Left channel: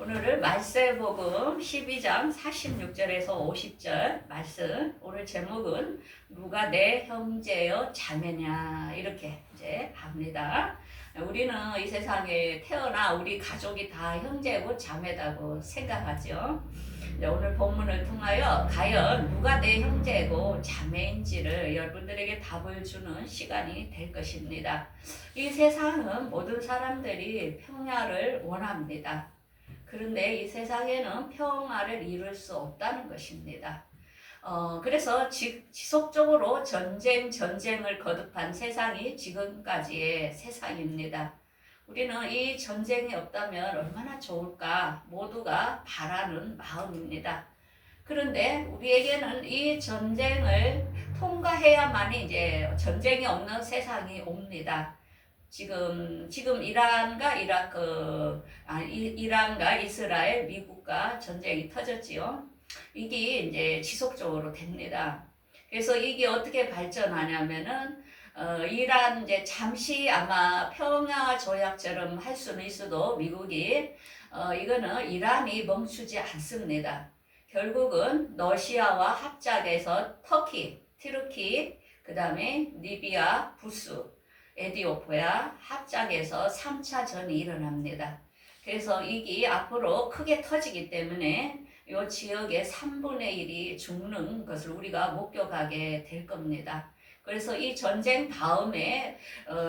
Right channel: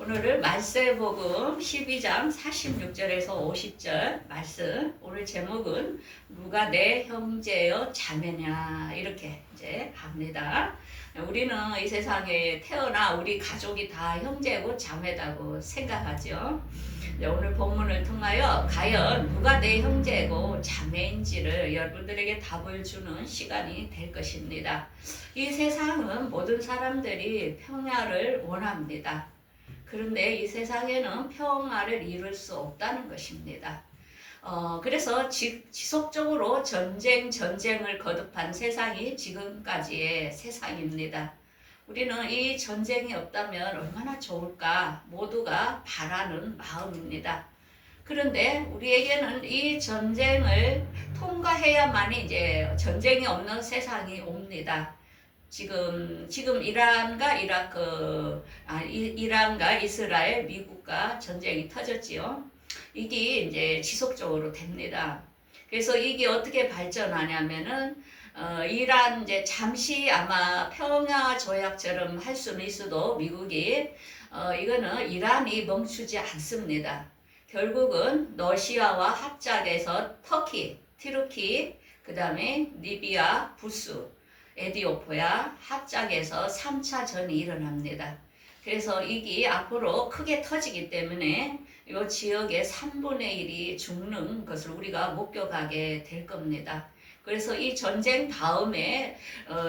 오늘은 말세복음 12장 46절에서 50절 말씀. 오늘 제목은 누가 내 형제여 자매냐 이렇게 이제 합니다. 우리는 이 세상에 태어나 우리 가족이 다 형제고 자매다고 생각하죠. 오늘 본문을 통하여 과연 누가 내 형제고 자매인지를 여러분들에게 답을 주는 시간이 될 것입니다. 이 세상은 모든 사람들이 평화를 원합니다. 그런데 이 세상에는 평화를 이룰 수 없다는 것입니다. 그래서 지속적으로 전쟁을 거듭한 세상이 지금까지의 세상입니다. 우리는 이 전쟁이 없다면 얼마나 좋을까 모두가 바라는 마음입니다. 그런데 우리에게는 이 전쟁을 통과해야만이 이제 전쟁이 없는 세상이 옵니다. 지금 이란과 이란과 이스라엘, 미국과 전쟁이 터졌지요. 이게 이제 지속적으로 됩니다. 그래서 이게 어떻게 발전하냐면은 이란 이제 잠시 아마 평화 조약처럼 할 수는 있어도 미국이 이거는 이란이 멈추지 않습니다. 결국은 러시아와 합작해서 터키, 그 다음에 리비아, 에디오피아 합작해서 3차 전이 일어납니다. 그래서 이게 앞으로 크게 터지기 때문에 이 지역의 3분의 1이 죽는 것을 우리가 목격하게 될 겁니다. 그래서 이 전쟁 다음에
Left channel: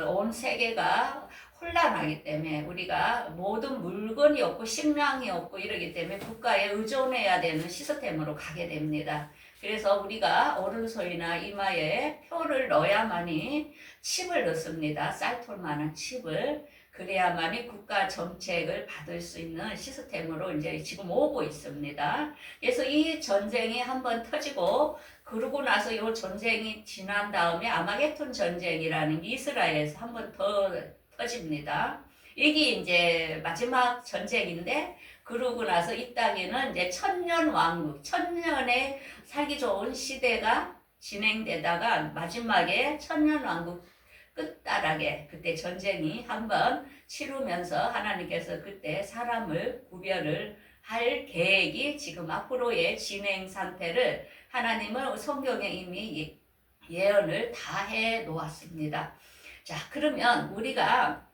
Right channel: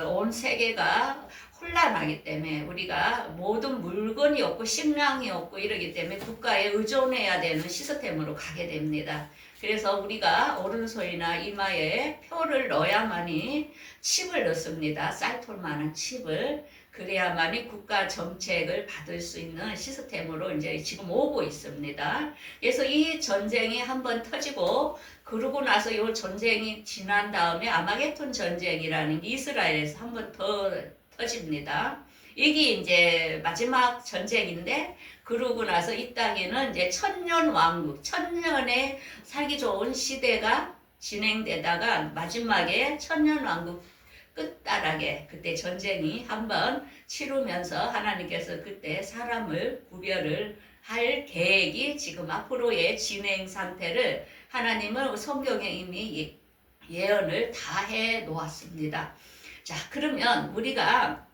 온 세계가 혼란하기 때문에 우리가 모든 물건이 없고 식량이 없고 이러기 때문에 국가에 의존해야 되는 시스템으로 가게 됩니다. 그래서 우리가 오른손이나 이마에 표를 넣어야만이 칩을 넣습니다. 쌀톨만한 칩을. 그래야만이 국가 정책을 받을 수 있는 시스템으로 이제 지금 오고 있습니다. 그래서 이 전쟁이 한번 터지고 그러고 나서 이 전쟁이 지난 다음에 아마겟돈 전쟁이라는 게 이스라엘에서 한번 더 터집니다. 이게 이제 마지막 전쟁인데 그러고 나서 이 땅에는 이제 천년왕국, 천년의 살기 좋은 시대가 진행되다가 마지막에 천년왕국 끝자락에 그때 전쟁이 한번 치르면서 하나님께서 그때 사람을 구별을 할 계획이 지금 앞으로의 진행 상태를 하나님은 성경에 이미 예언을 다 해 놓았습니다. 자, 그러면 우리가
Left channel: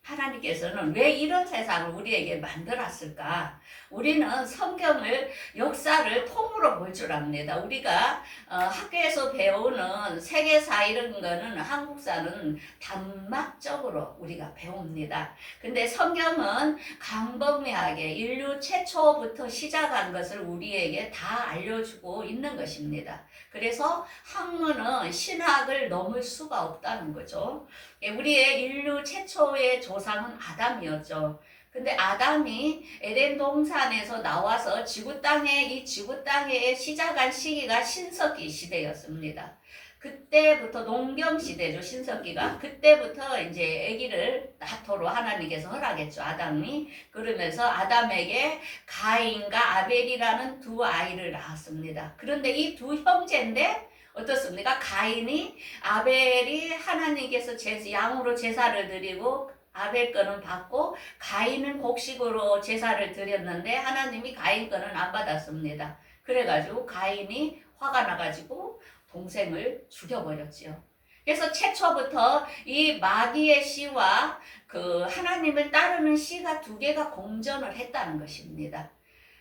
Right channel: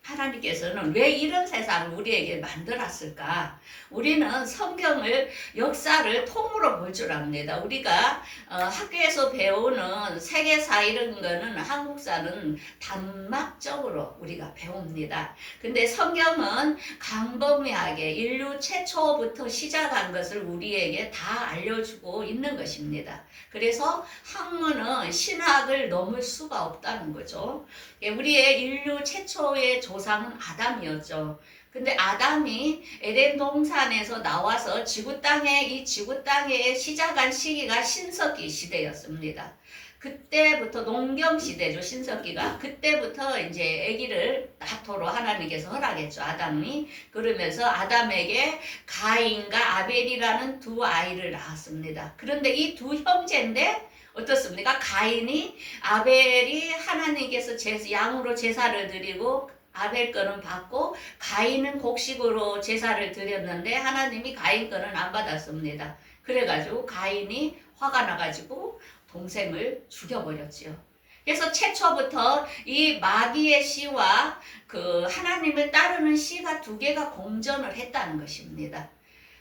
하나님께서는 왜 이런 세상을 우리에게 만들었을까? 우리는 성경을 역사를 통으로 볼 줄 압니다. 우리가 학교에서 배우는 세계사 이런 거는 한국사는 단막적으로 우리가 배웁니다. 근데 성경은 광범위하게 인류 최초부터 시작한 것을 우리에게 다 알려주고 있는 것입니다. 그래서 학문은 신학을 넘을 수가 없다는 거죠. 우리의 인류 최초의 조상은 아담이었죠. 근데 아담이 에덴 동산에서 나와서 지구 땅에 시작한 시기가 신석기 시대였습니다. 그때부터 농경 시대죠, 신석기가. 그때부터 이제 아기를 낳도록 하나님께서 허락했죠, 아담이. 그러면서 아담에게 가인과 아벨이라는 두 아이를 낳았습니다. 그런데 이 두 형제인데 어떻습니까? 가인이 아벨이 하나님께서 양으로 제사를 드리고 아벨 거는 받고 가인은 곡식으로 제사를 드렸는데 하나님이 가인 거는 안 받았습니다. 그래가지고 가인이 화가 나가지고 동생을 죽여버렸지요. 그래서 최초부터 이 마귀의 씨와 그 하나님을 따르는 씨가 두 개가 공존을 했다는 것입니다.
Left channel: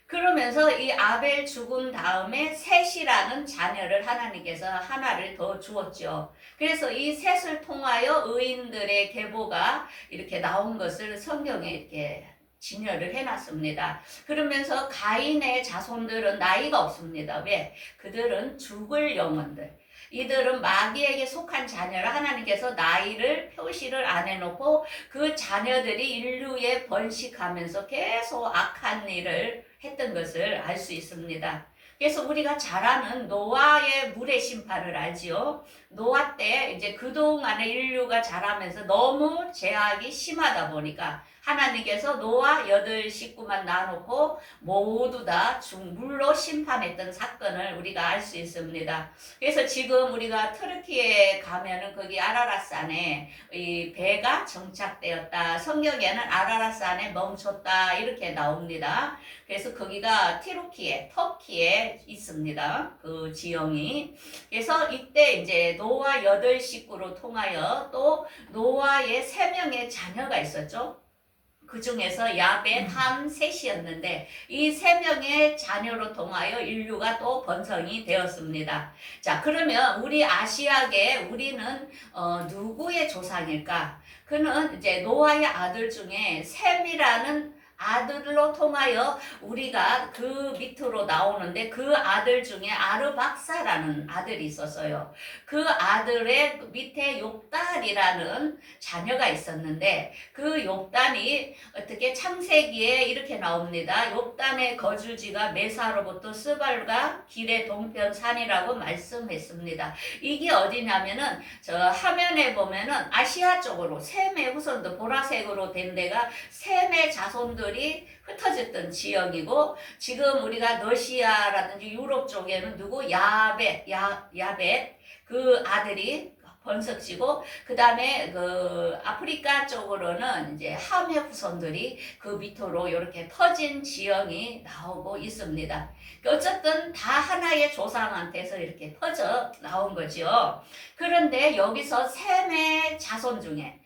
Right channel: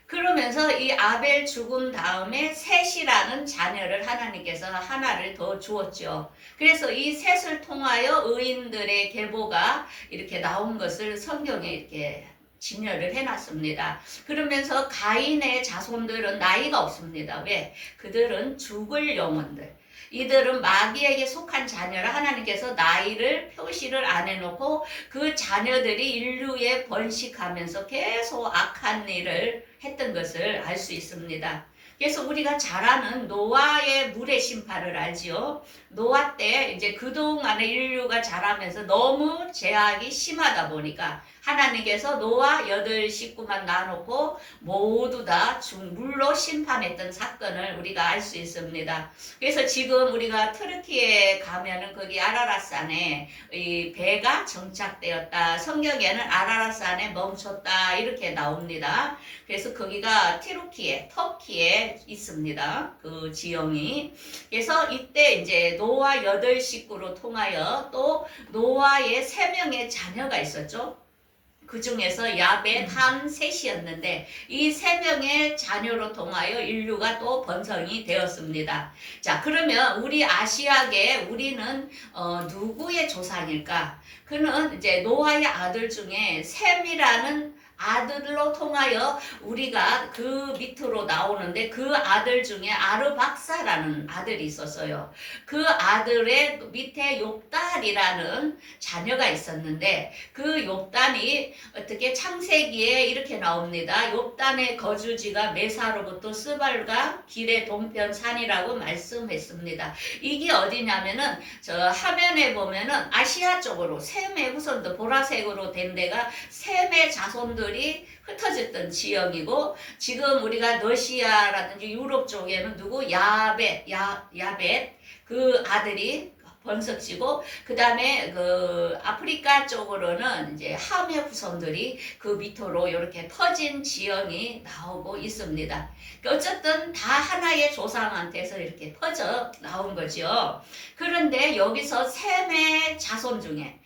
그러면서 이 아벨 죽은 다음에 셋이라는 자녀를 하나님께서 하나를 더 주었죠. 그래서 이 셋을 통하여 의인들의 계보가 이렇게 나온 것을 성경에 이렇게 진열을 해놨습니다. 그러면서 가인의 자손들은 나이가 없습니다. 왜? 그들은 죽을 영혼들. 이들은 마귀에게 속한 자녀라 하나님께서 나이를 표시를 안 해놓고 그 자녀들이 인류에 번식하면서 계속 악한 일을 했던 것을 알 수 있습니다. 그래서 우리가 잘 아는 노아의 물의 심판을 알지요. 노아 때 이제 그동안에 인류가 자라면서 너무 제약이 심하다 보니까 하나님께서 노아 8식구만 놔놓고 모두 다 물로 심판했던 사건을 우리가 알 수 있습니다. 그래서 지금 우리가 터키에 가면은 거기 아라랏산에 이 배가 정착되었다. 성경에는 아라랏산에 멈췄다. 이렇게 나옵니다. 그래서 거기가 터키에 있습니다. 그 지형이. 그래서 이때 이제 노아 8식구로 통하여 또 노아의 3명의 자녀가 있었죠. 그 중에서 야벳, 함, 셋이었는데 이 3명의 자녀로 통하여 인류가 또 번성이 되었습니다. 자, 그러면 우리 아시아계 우리는 누구의 조상일까? 그는 이제 노아의 아들 중에 셈이라는 아들로 통하여 우리가 그 밑으로 나오는데 그 아들 중에 아르박사라는 아들이 있었어요. 그 아들의 밑에 욥단이라는 자녀가 있었는데 그 욥단이 어떻게 창세기에 이렇게 나옵니다. 욥단의 거주지가 메사로부터 스발과 길의 동편 산이라고 말씀했습니다. 이게 어디냐면은 저 화면에 보면은 아시아 쪽으로 셈의 후손들 보라색으로 된 데가 셈의 자손들이 흩어졌던 지역이고 지금 우리가 러시아라든지 유럽 쪽에는 누구 야벳 그 아들이 번석지고 그 다음에 그 아프리카 쪽으로는 이제 함의 후손들이 그 밑으로 이렇게 퍼진 지형이 나오고 있습니다. 어쨌든 다 하나의 조상한테서 이렇게 퍼져 나온 거죠. 그런데 여기서 셈의 자손 중에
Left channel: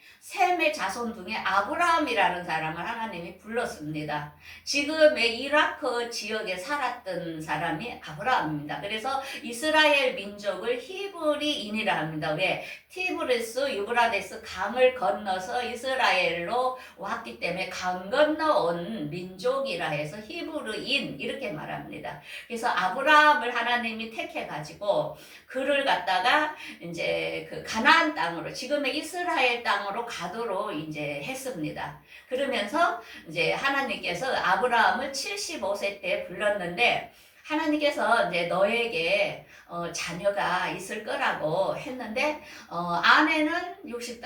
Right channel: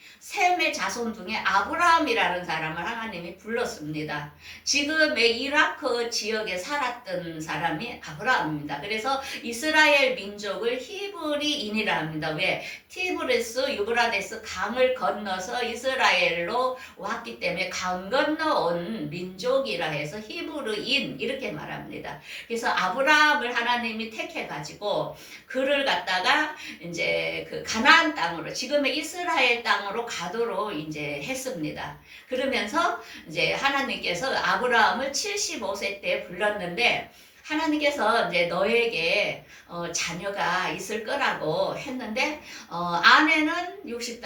아브라함이라는 사람을 하나님이 불렀습니다. 지금의 이라크 지역에 살았던 사람이 아브라함입니다. 그래서 이스라엘 민족을 히브리인이라 합니다. 왜? 티브리스, 유브라데스 강을 건너서 이스라엘로 왔기 때문에 강 건너온 민족이라 해서 히브리인 이렇게 말합니다. 그래서 아브라함을 하나님이 택해가지고 그를 갖다가 이제 그 가나안 땅으로 지금의 이스라엘 땅으로 가도록 이제 했습니다. 그러면서 이제 하나님께서 아브라함을 75세 때 불렀는데 하나님께서 이제 너에게 자녀가 있을 거라고 했는데 아내는 65,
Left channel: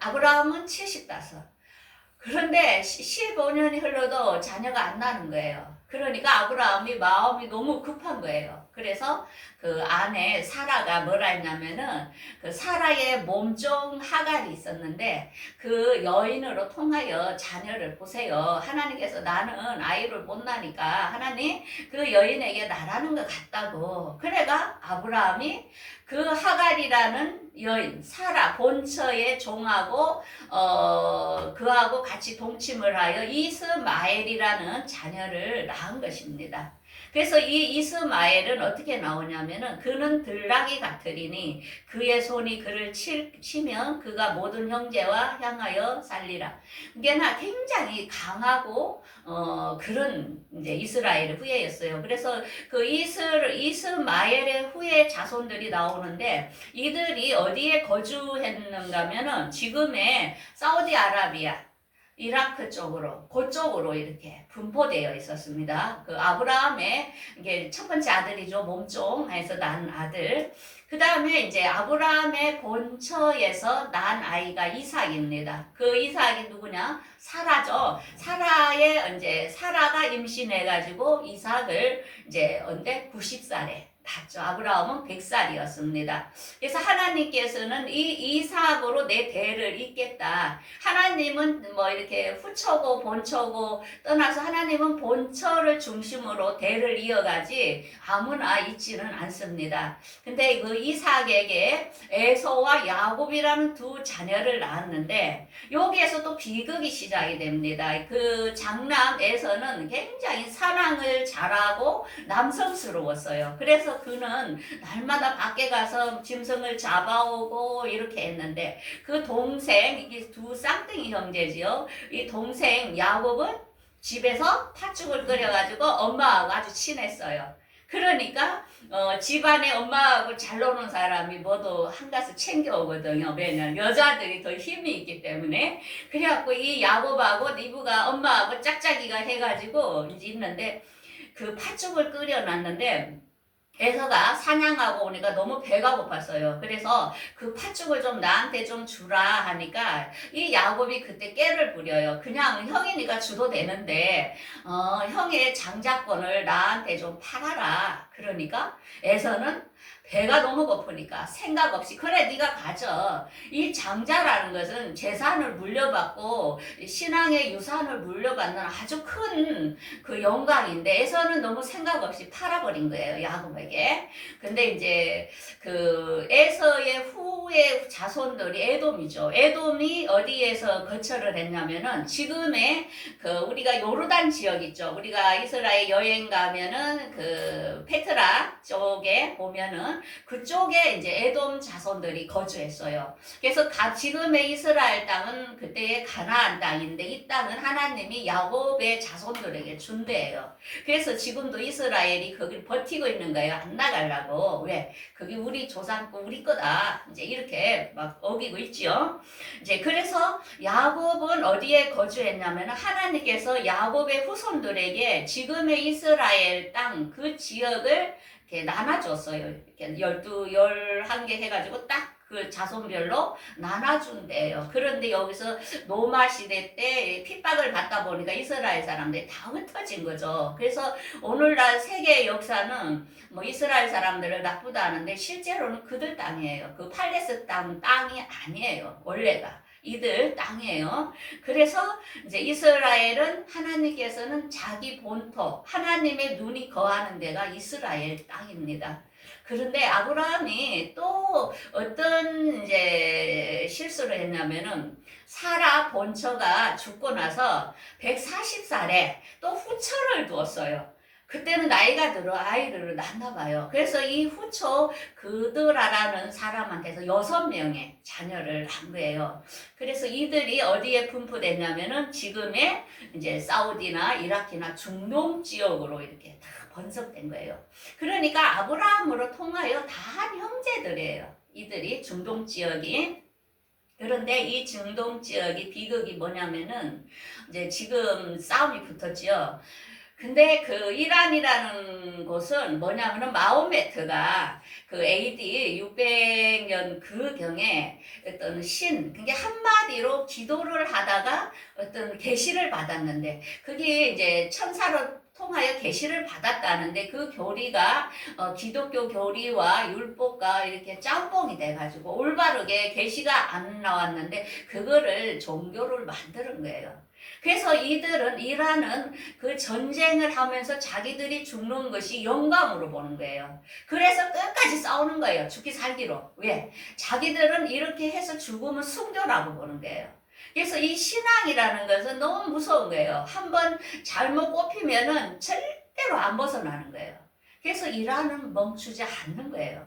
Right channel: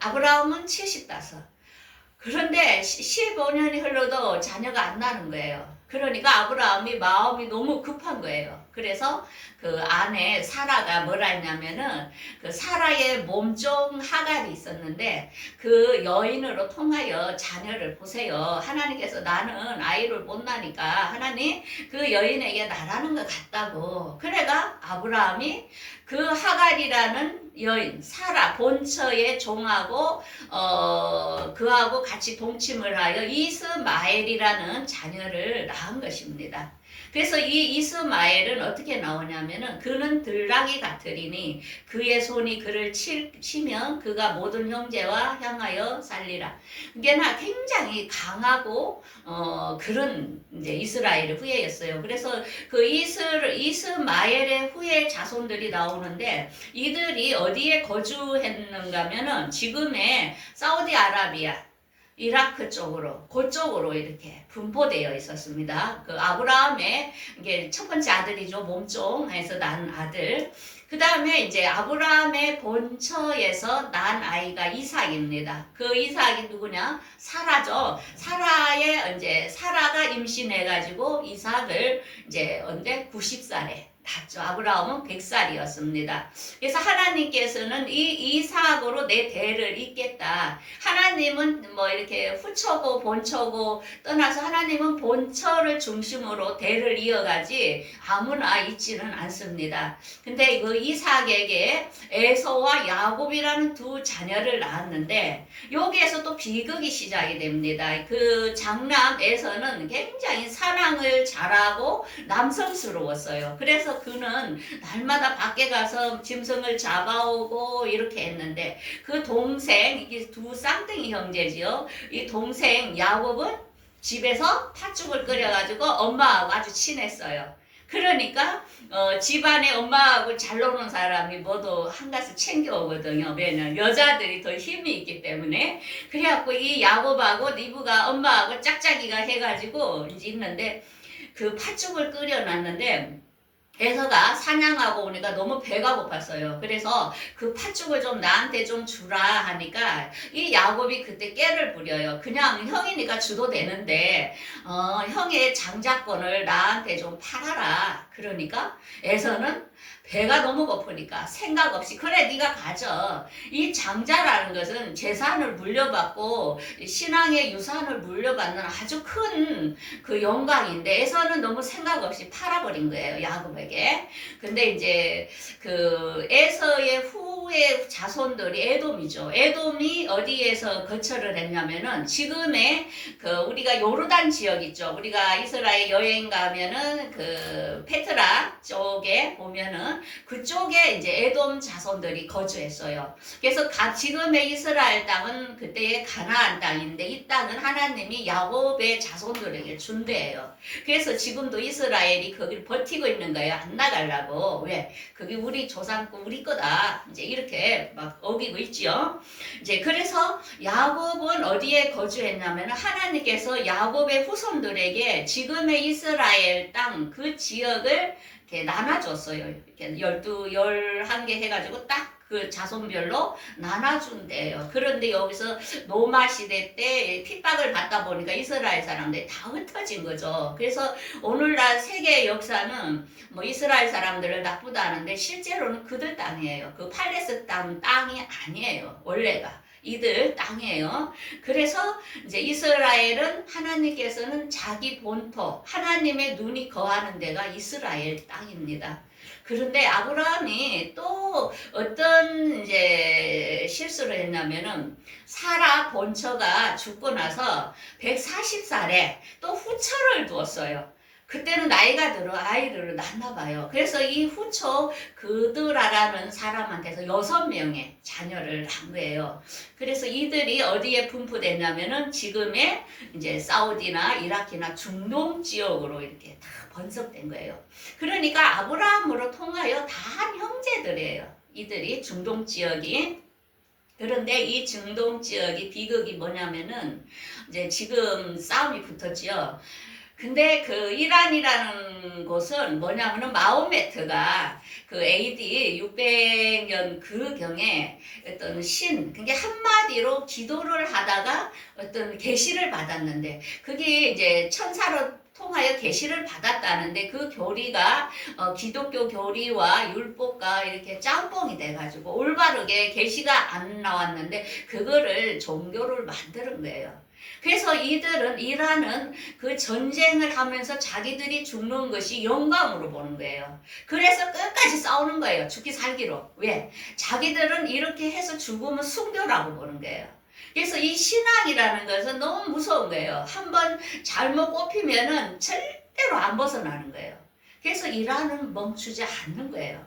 아브라함은 75. 그런데 15년이 흘러도 자녀가 안 나는 거예요. 그러니까 아브라함이 마음이 너무 급한 거예요. 그래서 그 아내 사라가 뭐라 했냐면은 그 사라의 몸종 하갈이 있었는데 그 여인으로 통하여 자녀를 보세요. 하나님께서 나는 아이를 못 나니까 하나님 그 여인에게 나라는 것 같다고. 그래가 아브라함이 그 하갈이라는 여인 사라 본처의 종하고 그하고 같이 동침을 하여 이스마엘이라는 자녀를 낳은 것입니다. 그래서 이 이스마엘은 어떻게 나오냐면은 그는 들나귀 같으리니 그의 손이 그를 치면 그가 모든 형제와 향하여 살리라. 그러니까 굉장히 강하고 그런 이제 이스라엘의 후예였어요. 그래서 그 이스마엘의 후예 자손들이 나오는데 이들이 어디에 거주했는가면은 지금의 사우디아라비아 이라크 쪽으로, 그쪽으로 이렇게 분포되어 있었습니다. 그 아브라함의 이게 첫 번째 아들이죠. 몸종에서 난 아들. 그 다음에 이제 아브라함의 본처에서 난 아이가 이삭입니다. 그 이삭이 누구냐? 사라죠. 사라가 임신해가지고 이삭을 이제 언제 90살에 낳죠. 아브라함은 100살이었습니다. 그래서 하나님께서는 이 이삭으로 내 대를 잇겠다. 하나님은 뭐 이렇게 후처고 본처고 떠나서 하나님은 본처를 중심으로 대를 이어가지 아무나 잇지는 않습니다. 근데 그 이삭에게 에서와 야곱이라는 두 자녀를 낳았는데 여기에서 또 비극이 시작이 됩니다. 그 장남 에서는 굉장히 사랑을 잘하고 남성스러웠어요. 그래서 그는 날마다 밖에 가서 짐승을 잡아오고 이렇게 했는데 그 동생, 이게 두 쌍둥이 형제지요. 이 동생 야곱은 집에서 팥죽을 끓여가지고 엄마하고 아주 친했어요. 그러니까 집안에 엄마하고 잘 노는 사람이 모두 한가득 챙겨오거든요. 왜냐면 여자들이 더 힘이 있기 때문에. 그래갖고 이 야곱하고 리브가 엄마하고 짝짝이가 해가지고 이제 있는데 그 팥죽을 끓여놨는데 에서가 사냥하고 오니까 너무 배가 고팠어요. 그래서 그 팥죽을 좀 나한테 좀 주라 하니까 이 야곱이 그때 깨를 부려요. 그냥 형이니까 주도 되는데 형의 장자권을 나한테 좀 팔아라. 그러니까 에서는 배가 너무 고프니까 생각 없이 그래 네가 가져. 이 장자라는 것은 재산을 물려받고 신앙의 유산을 물려받는 아주 큰 그 영광인데 에서는 너무 생각 없이 팔아버린 거예요. 야곱에게. 근데 이제 그 에서의 후의 자손들이 에돔이죠. 에돔이 어디에서 거처를 했냐면은 지금의 그 우리가 요르단 지역 있죠. 우리가 이스라엘 여행 가면은 그 페트라 쪽에 보면은 그쪽에 이제 에돔 자손들이 거주했어요. 그래서 지금의 이스라엘 땅은 그때의 가나안 땅인데 이 땅은 하나님이 야곱의 자손들에게 준대요. 그래서 지금도 이스라엘이 거기를 버티고 있는 거예요. 안 나가려고. 왜? 그게 우리 조상 거 우리 거다. 이제 이렇게 막 어기고 있지요. 이제 그래서 야곱은 어디에 거주했냐면 하나님께서 야곱의 후손들에게 지금의 이스라엘 땅 그 지역을 이렇게 나눠줬어요. 이렇게 11개 해가지고 딱 그 자손별로 나눠준대요. 그런데 여기서 노마 시대 때 핍박을 받다 보니까 이스라엘 사람들이 다 흩어진 거죠. 그래서 오늘날 세계 역사는 뭐 이스라엘 사람들을 나쁘다 하는데 실제로는 그들 땅이에요. 그 팔레스 땅이 아니에요. 원래가. 이들 땅이에요. 그래서 이제 이스라엘은 하나님께서는 자기 본토, 하나님의 눈이 거하는 데가 이스라엘 땅입니다. 그런데 아브라함이 또 어떤 이제 실수를 했냐면은 사라 본처가 죽고 나서 140살에 또 후처를 두었어요. 그때는 나이가 들어 아이를 낳나 봐요. 그래서 이 후처 그드라라는 사람한테서 6명의 자녀를 한 거예요. 그래서 이들이 어디에 분포됐냐면은 지금의 이제 사우디나 이라크나 중동 지역으로 이렇게 다 번성된 거예요. 그러니까 아브라함으로 통하여 다 한 형제들이에요. 이들이 중동 지역이. 그런데 이 중동 지역이 비극이 뭐냐면은 이제 지금 싸움이 붙었지요. 근데 그 이란이라는 곳은 뭐냐면은 마호메트가 그 AD 600년 그 경에 어떤 그게 한마디로 기도를 하다가 어떤 계시를 받았는데 그게 이제 천사로 통하여 계시를 받았다는데 그 교리가 기독교 교리와 율법과 이렇게 짬뽕이 돼가지고 올바르게 계시가 안 나왔는데 그거를 종교를 만드는 거예요. 그래서 이란은 그 전쟁을 하면서 자기들이 죽는 것이 영광으로 보는 거예요. 그래서 끝까지 싸우는 거예요. 죽기 살기로. 왜? 자기들은 이렇게 해서 죽으면 순교라고 보는 거예요. 그래서 이 신앙이라는 것은 너무 무서운 거예요. 한번 잘못 꼽히면은 절대로 안 벗어나는 거예요. 그래서 이란은 멈추지 않는 거예요.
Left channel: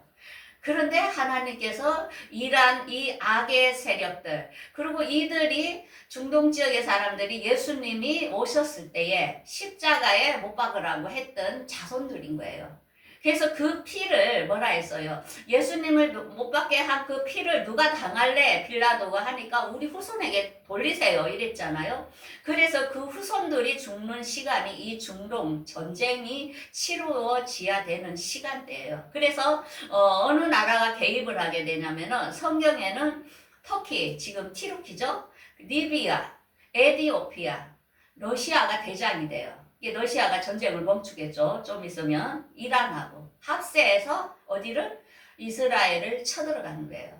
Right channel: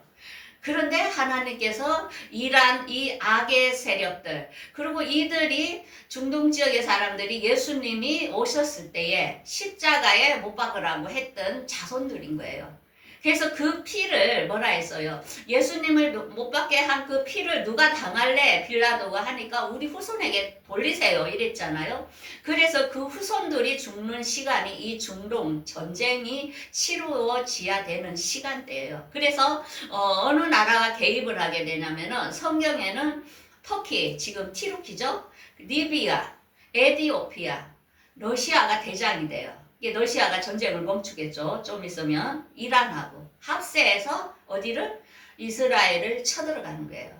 그런데 하나님께서 이란 이 악의 세력들 그리고 이들이 중동 지역의 사람들이 예수님이 오셨을 때에 십자가에 못 박으라고 했던 자손들인 거예요. 그래서 그 피를 뭐라 했어요? 예수님을 못 받게 한 그 피를 누가 당할래? 빌라도가 하니까 우리 후손에게 돌리세요 이랬잖아요. 그래서 그 후손들이 죽는 시간이 이 중동 전쟁이 치루어져야 되는 시간대예요. 그래서 어느 나라가 개입을 하게 되냐면은 성경에는 터키, 지금 티르키죠? 리비아, 에티오피아, 러시아가 대장이 돼요. 이게 러시아가 전쟁을 멈추겠죠. 좀 있으면 이란하고 합세해서 어디를? 이스라엘을 쳐들어가는 거예요.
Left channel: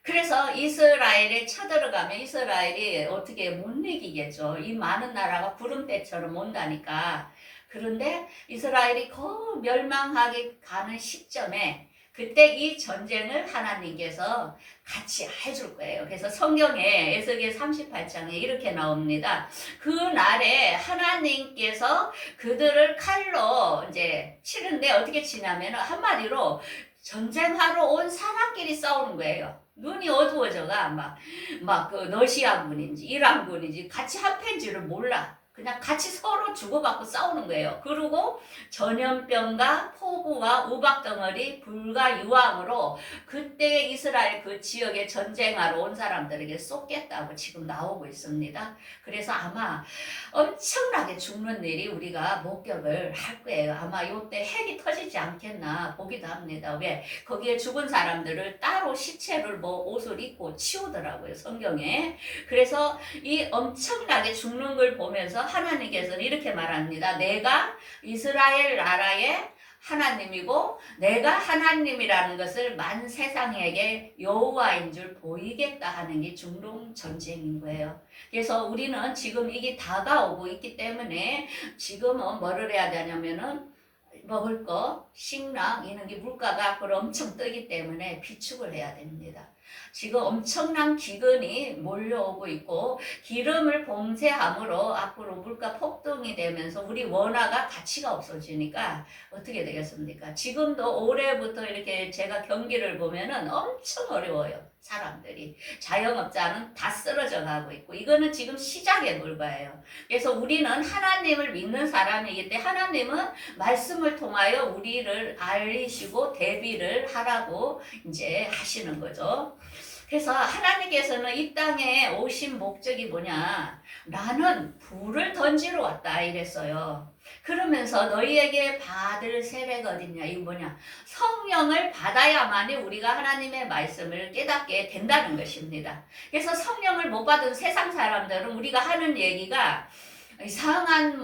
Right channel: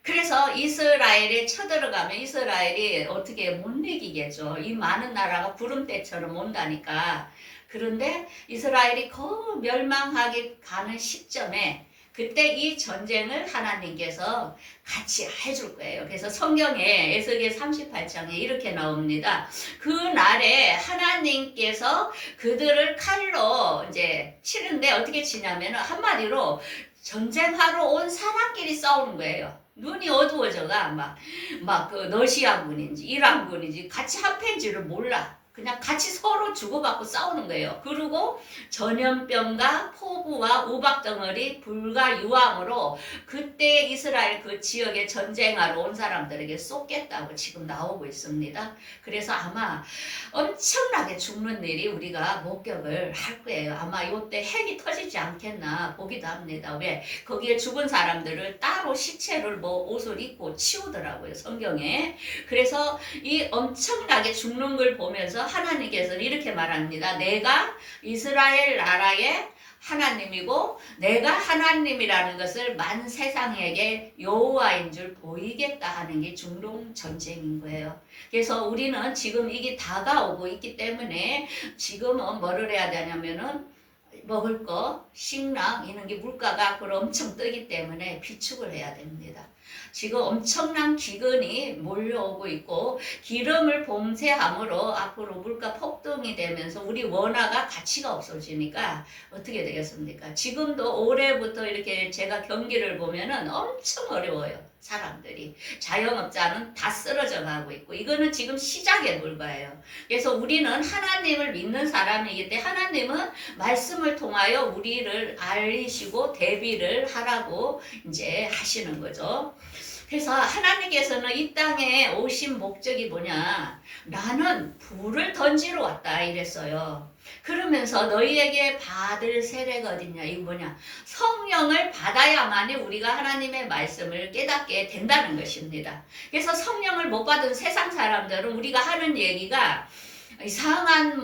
그래서 이스라엘에 쳐들어가면 이스라엘이 어떻게 못 이기겠죠. 이 많은 나라가 구름대처럼 온다니까. 그런데 이스라엘이 거의 멸망하게 가는 시점에 그때 이 전쟁을 하나님께서 같이 해줄 거예요. 그래서 성경에 에스겔 38장에 이렇게 나옵니다. 그 날에 하나님께서 그들을 칼로 이제 치는데 어떻게 치냐면 한마디로 전쟁하러 온 사람끼리 싸우는 거예요. 눈이 어두워져가 막 그 러시아군인지 이란군인지 같이 합해인지를 몰라. 그냥 같이 서로 주고받고 싸우는 거예요. 그리고 전염병과 폭우와 우박덩어리, 불과 유황으로 그때 이스라엘 그 지역에 전쟁하러 온 사람들에게 쏟겠다고 지금 나오고 있습니다. 그래서 아마 엄청나게 죽는 일이 우리가 목격을 할 거예요. 아마 이때 핵이 터지지 않겠나 보기도 합니다. 왜? 거기에 죽은 사람들을 따로 시체를 뭐 옷을 입고 치우더라고요, 성경에. 그래서 이 엄청나게 죽는 걸 보면서 하나님께서는 이렇게 말합니다. 내가 이스라엘 나라의 하나님이고 내가 하나님이라는 것을 만 세상에게 여호와인 줄 보이겠다 하는 게 중동 전쟁인 거예요. 그래서 우리는 지금 이게 다가오고 있기 때문에 지금은 뭐를 해야 되냐면은 먹을 거, 식량 이런 게 물가가 앞으로 엄청 뜨기 때문에 비축을 해야 됩니다. 지금 엄청난 기근이 몰려오고 있고 기름을 봉쇄함으로 앞으로 물가 폭등이 되면서 우리 원화가 가치가 없어지니까 어떻게 되겠습니까? 지금도 올해부터 이렇게 제가 경기를 보면은 엄청 어려워요. 사람들이. 자영업자는 다 쓰러져 가고 있고 이거는 지금 시작에 불과해요. 그래서 우리는 하나님을 믿는 사람이기 때문에 하나님은 말씀을 통하여 우리를 알리시고 대비를 하라고 이제 하시는 거죠. 그래서 하나님께서는 이 땅에 오신 목적이 뭐냐? 나는 불을 던지러 왔다 이랬어요. 그러면서 너희에게 받을 세례가 어딨냐? 이거 뭐냐? 성령을 받아야만이 우리가 하나님의 말씀을 깨닫게 된다는 것입니다. 그래서 성령을 못 받은 세상 사람들은 우리가 하는 얘기가 이상한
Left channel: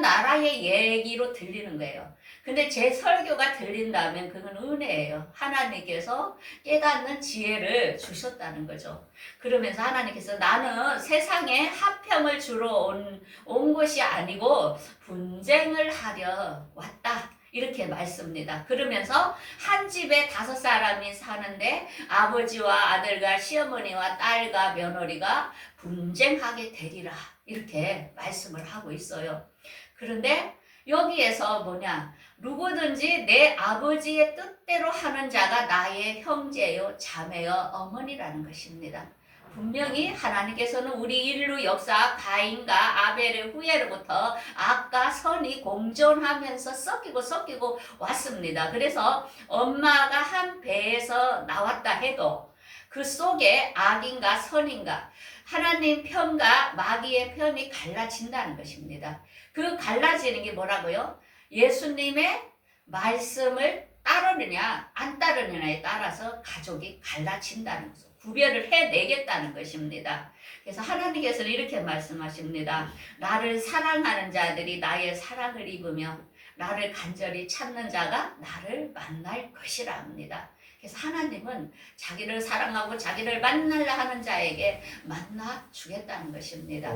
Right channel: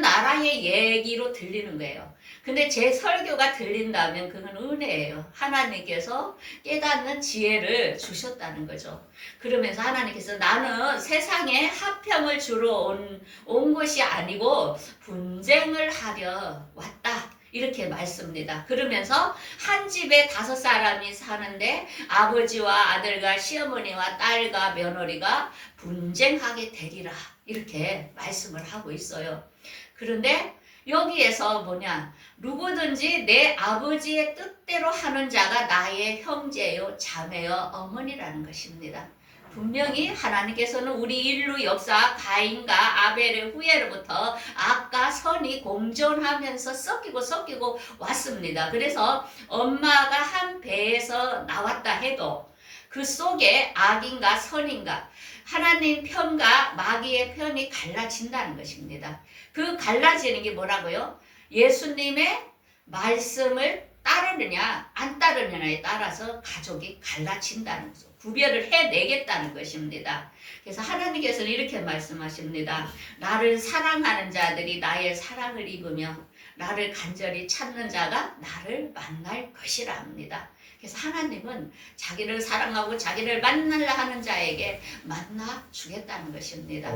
나라의 얘기로 들리는 거예요. 근데 제 설교가 들린다면 그건 은혜예요. 하나님께서 깨닫는 지혜를 주셨다는 거죠. 그러면서 하나님께서 나는 세상에 화평을 주러 온 것이 아니고 분쟁을 하려 왔다. 이렇게 말씀입니다. 그러면서 한 집에 5사람이 사는데 아버지와 아들과 시어머니와 딸과 며느리가 분쟁하게 되리라. 이렇게 말씀을 하고 있어요. 그런데 여기에서 뭐냐? 누구든지 내 아버지의 뜻대로 하는 자가 나의 형제요, 자매요, 어머니라는 것입니다. 분명히 하나님께서는 우리 인류 역사 가인과 아벨의 후예로부터 악과 선이 공존하면서 섞이고 왔습니다. 그래서 엄마가 한 배에서 나왔다 해도 그 속에 악인가 선인가 하나님 편과 마귀의 편이 갈라진다는 것입니다. 그 갈라지는 게 뭐라고요? 예수님의 말씀을 따르느냐 안 따르느냐에 따라서 가족이 갈라진다는 거죠. 구별을 해내겠다는 것입니다. 그래서 하나님께서는 이렇게 말씀하십니다. 나를 사랑하는 자들이 나의 사랑을 입으며 나를 간절히 찾는 자가 나를 만날 것이라 합니다. 그래서 하나님은 자기를 사랑하고 자기를 만나려 하는 자에게 만나 주겠다는 것입니다.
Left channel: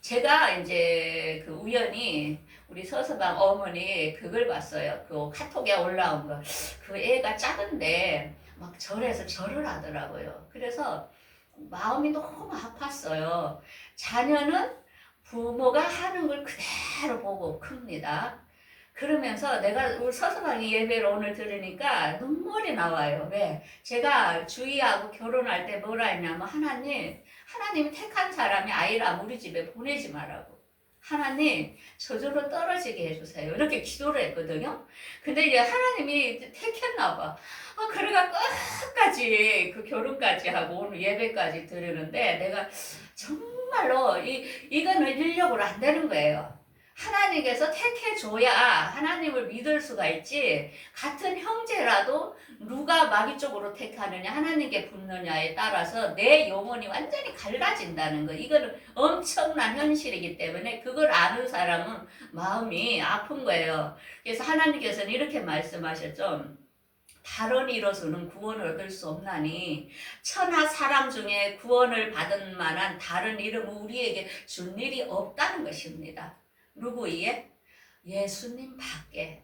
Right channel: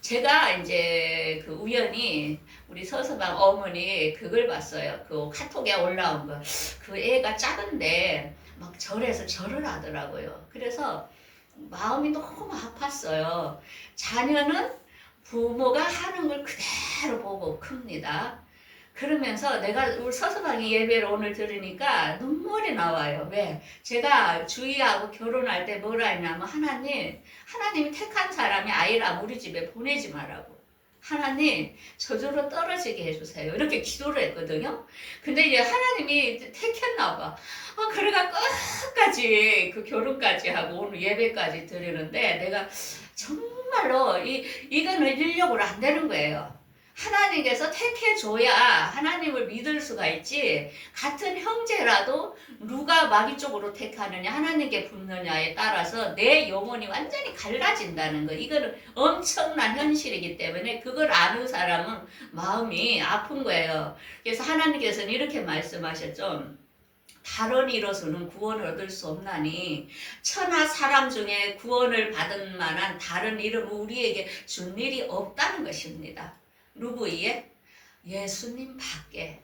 제가 이제 그 우연히 우리 서서방 어머니 그걸 봤어요. 그 카톡에 올라온 거. 그 애가 작은데 막 절에서 절을 하더라고요. 그래서 마음이 너무 아팠어요. 자녀는 부모가 하는 걸 그대로 보고 큽니다. 그러면서 내가 우리 서서방이 예배를 오늘 들으니까 눈물이 나와요. 왜? 제가 주희하고 결혼할 때 뭐라 했냐면 하나님이 택한 사람이 아이랑 우리 집에 보내지 말라고. 하나님 저절로 떨어지게 해주세요. 이렇게 기도를 했거든요. 근데 이제 하나님이 택했나 봐. 그래가 끝까지 그 결혼까지 하고 오늘 예배까지 드리는데 내가 정말로 이거는 인력으로 안 되는 거예요. 하나님께서 택해줘야 하나님을 믿을 수가 있지 같은 형제라도 누가 마귀 쪽으로 택하느냐 하나님께 붙느냐에 따라서 내 영혼이 완전히 갈라진다는 거. 이거는 엄청난 현실이기 때문에 그걸 아는 사람은 마음이 아픈 거예요. 그래서 하나님께서는 이렇게 말씀하셨죠. 다른 이로서는 구원을 얻을 수 없나니 천하 사람 중에 구원을 받은 만한 다른 이름은 우리에게 준 일이 없다는 것입니다. 누구이에? 예수님 밖에.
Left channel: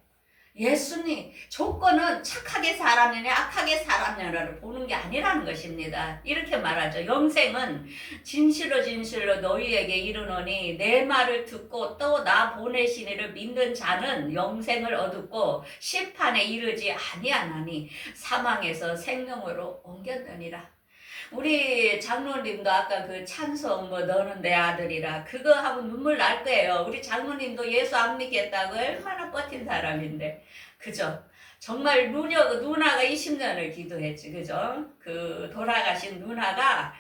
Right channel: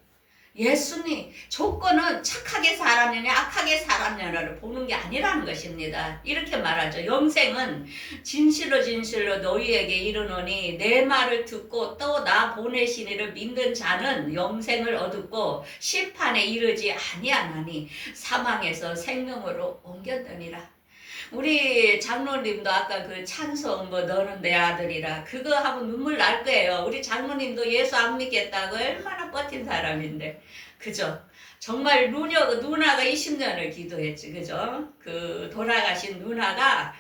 예수님 조건은 착하게 살았느냐 악하게 살았느냐를 보는 게 아니라는 것입니다. 이렇게 말하죠. 영생은 진실로 너희에게 이르노니 내 말을 듣고 또 나 보내신 이를 믿는 자는 영생을 얻고 심판에 이르지 아니하나니 사망에서 생명으로 옮겼느니라. 우리 장로님도 아까 그 찬송 뭐 너는 내 아들이라 그거 하면 눈물 날 거예요. 우리 장로님도 예수 안 믿겠다고 얼마나 버틴 사람인데. 그죠? 정말 누나가 20년을 기도했지. 그죠? 그 돌아가신 누나가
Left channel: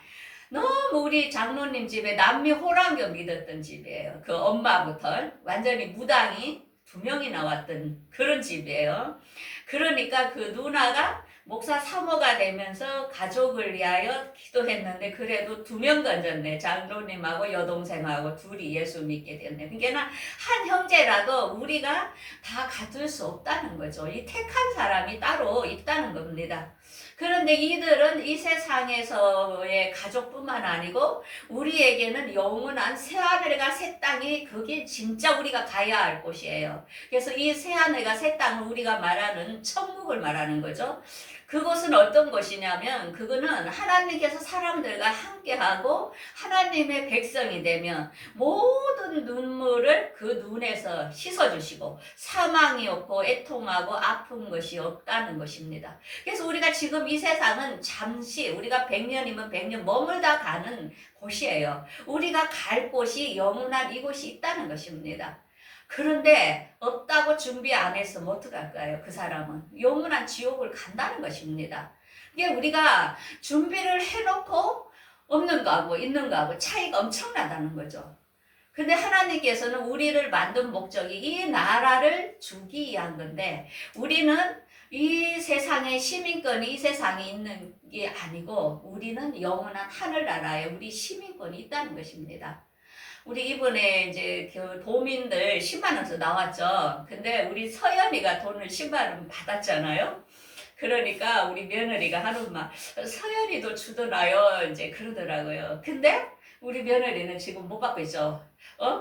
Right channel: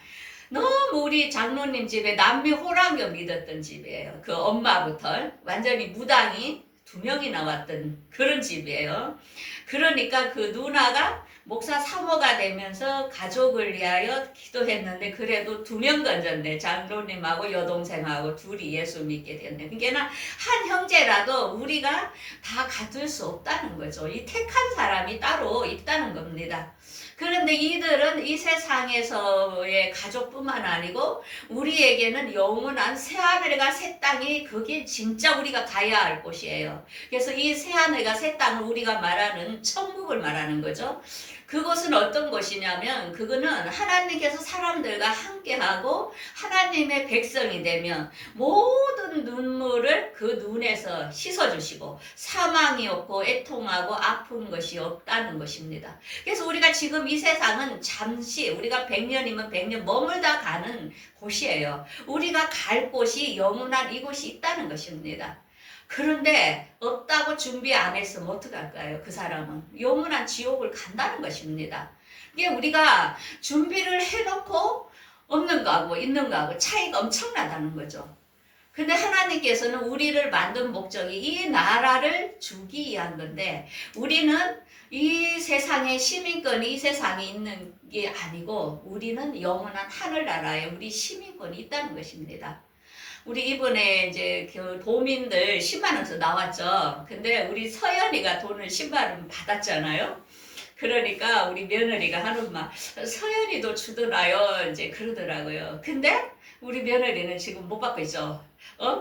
너무 우리 장로님 집에 남미 호랑교 믿었던 집이에요. 그 엄마부터 완전히 무당이 2명이나 왔던 그런 집이에요. 그러니까 그 누나가 목사 사모가 되면서 가족을 위하여 기도했는데 그래도 2명 건졌네. 장로님하고 여동생하고 둘이 예수 믿게 됐네. 그러니까 한 형제라도 우리가 다 가둘 수 없다는 거죠. 이 택한 사람이 따로 있다는 겁니다. 그런데 이들은 이 세상에서의 가족뿐만 아니고 우리에게는 영원한 새하늘과 새 땅이 그게 진짜 우리가 가야 할 곳이에요. 그래서 이 새하늘과 새 땅을 우리가 말하는 천국을 말하는 거죠. 그것은 어떤 것이냐면 그거는 하나님께서 사람들과 함께하고 하나님의 백성이 되면 모든 눈물을 그 눈에서 씻어주시고 사망이 없고 애통하고 아픈 것이 없다는 것입니다. 그래서 우리가 지금 이 세상은 잠시 우리가 100년이면 100년 머물다 가는 곳이에요. 우리가 갈 곳이 영원한 이곳이 있다는 것입니다. 그런데 없다고 준비 안 했으면 어떡할까요? 그 사람은 영원한 지옥을 간다는 것입니다. 이게 우리가 준비를 해놓고 없는 거하고 있는 거하고 차이가 엄청나다는 거죠. 근데 하나님께서는 우리를 만든 목적이 이 나라를 주기 위한 건데 우리는 이 세상의 시민권이 이 세상에 있는 게 아니고 우리는 영원한 하늘나라에 우리 시민권이 있다는 것입니다. 우리 이번에 이제 그 도민들 10만 원 나왔죠. 근데 우리 서연이가 돈을 10만 원 받았잖아요. 그러니까 우리 며느리가 하는 말 서연이도 주더라요. 이제 그러더라고요. 근데 우리 며느리는 지금 못 받고 있죠.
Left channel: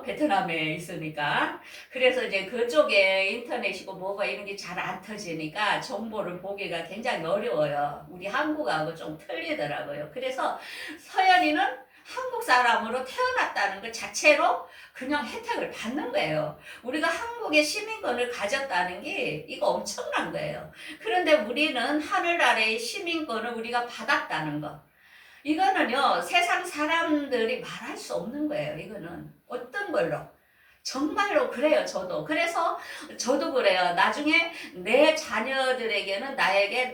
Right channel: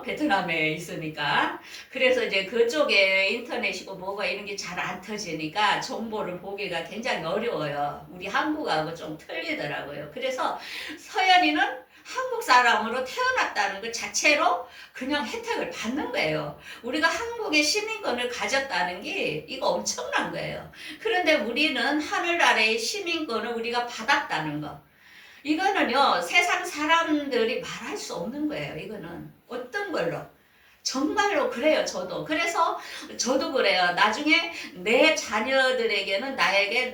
베트남에 있으니까. 그래서 이제 그쪽에 인터넷이고 뭐가 이런 게 잘 안 터지니까 정보를 보기가 굉장히 어려워요. 우리 한국하고 좀 틀리더라고요. 그래서 서연이는 한국 사람으로 태어났다는 것 자체로 그냥 혜택을 받는 거예요. 우리가 한국의 시민권을 가졌다는 게 이거 엄청난 거예요. 그런데 우리는 하늘나라의 시민권을 우리가 받았다는 거. 이거는요, 세상 사람들이 말할 수 없는 거예요. 이거는 어떤 걸로. 정말로 그래요, 저도. 그래서 저도 그래요. 나중에 내 자녀들에게는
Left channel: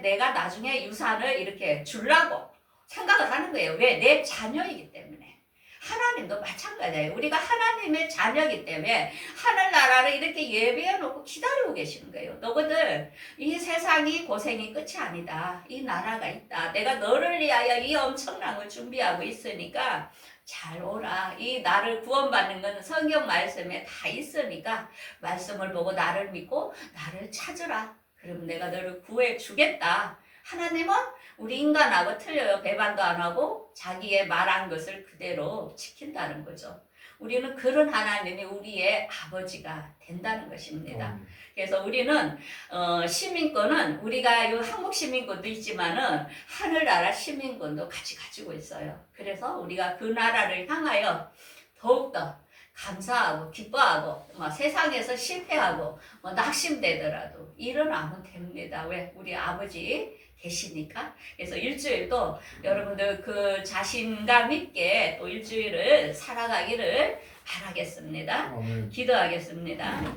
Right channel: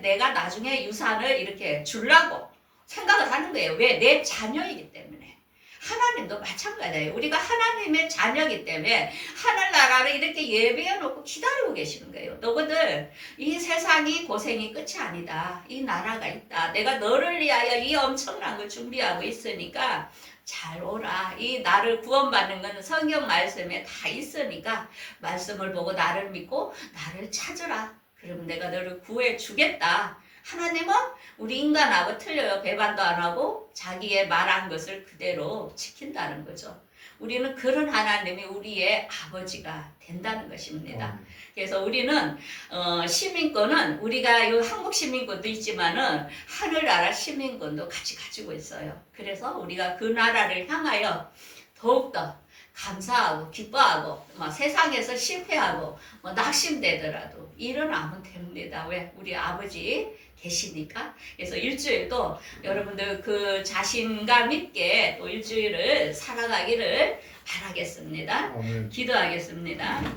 내가 나중에 유산을 이렇게 주려고 생각을 하는 거예요. 왜? 내 자녀이기 때문에. 하나님도 마찬가지예요. 우리가 하나님의 자녀이기 때문에 하늘나라를 이렇게 예배해 놓고 기다리고 계시는 거예요. 너희들 이 세상이 고생이 끝이 아니다. 이 나라가 있다. 내가 너를 위하여 이 엄청난 걸 준비하고 있으니까 잘 오라. 이 나를 구원받는 건 성경 말씀에 다 있으니까 말씀을 보고 나를 믿고 나를 찾으라. 그러면 내가 너를 구해 주겠다. 하나님은 우리 인간하고 틀려요. 배반도 안 하고 자기의 말한 것을 그대로 지킨다는 거죠. 우리는 그런 하나님이 우리의 아버지가 된다는 것입니다. 그래서 우리는 시민권은 우리가 이 한국 시민권도 있지만은 하늘나라 시민권도 같이 가지고 있어요. 그래서 우리가 그 나라를 향하여 더욱더 감사하고 기뻐하고 세상에서 실패하고 낙심되더라도 일어나면 됩니다. 왜? 우리 아버지 계시니까. 그래서 일주일도 여러분들 그 자신감 있게 또 일주일을 살아가기를 바라겠습니다. 기도하겠습니다.